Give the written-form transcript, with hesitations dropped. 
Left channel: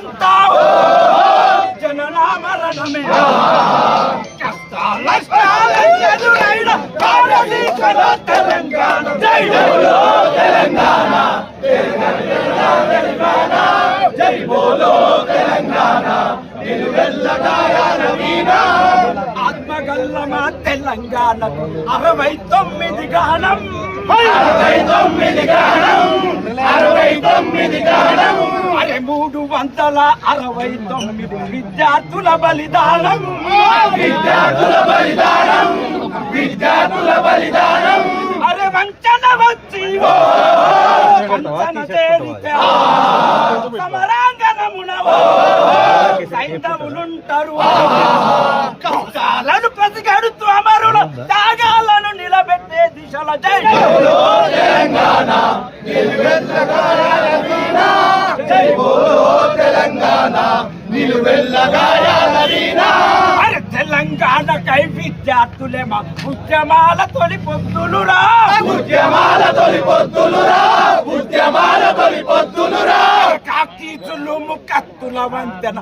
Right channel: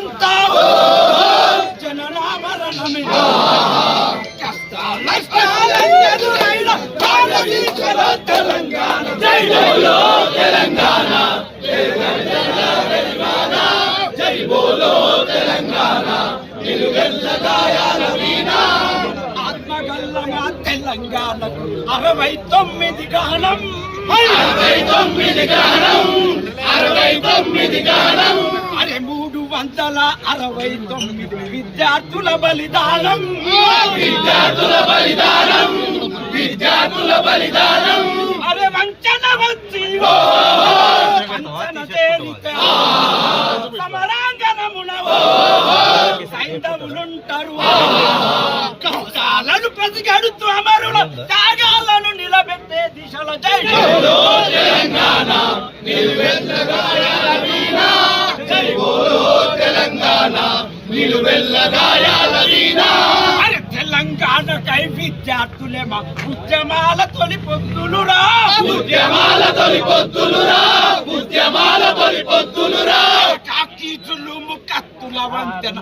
అంతా జననా మరణమే ఎదురైన భారతీకర తెలంగాణ జై బోలో తెలంగాణ జై బోలో తెలంగాణ నిలువెల్ల గాయాల వీణ ఆత్మగల్లమా తెలంగాణకు 69 గానం 69 గానం 69 గానం అరే 369 విద్యార్థుల బలిదానం విద్యార్థుల బలిదానం విద్యార్థుల బలిదానం అరే వంచన వచ్చి వంచన తేరితే సమరాంగణమునవో సైంధవులుంటారు కౌశాలను ప్రతిగడుతూ అమరుల త్యాగాలను నిలబెట్టే దిశల జై బోలో తెలంగాణ నిలువెల్ల గాయాల వీణ జై బోలో తెలంగాణ నిలువెల్ల గాయాల వీణ అరే తెలంగాణకై విద్యార్థులేమా ఉద్యమాల తొలి పొత్తులురా ఉద్యమాల తొలి పొత్తులురా ఉద్యమాల తొలి పొత్తులురా కాకీచులు ముక్కత్తుల వంతెన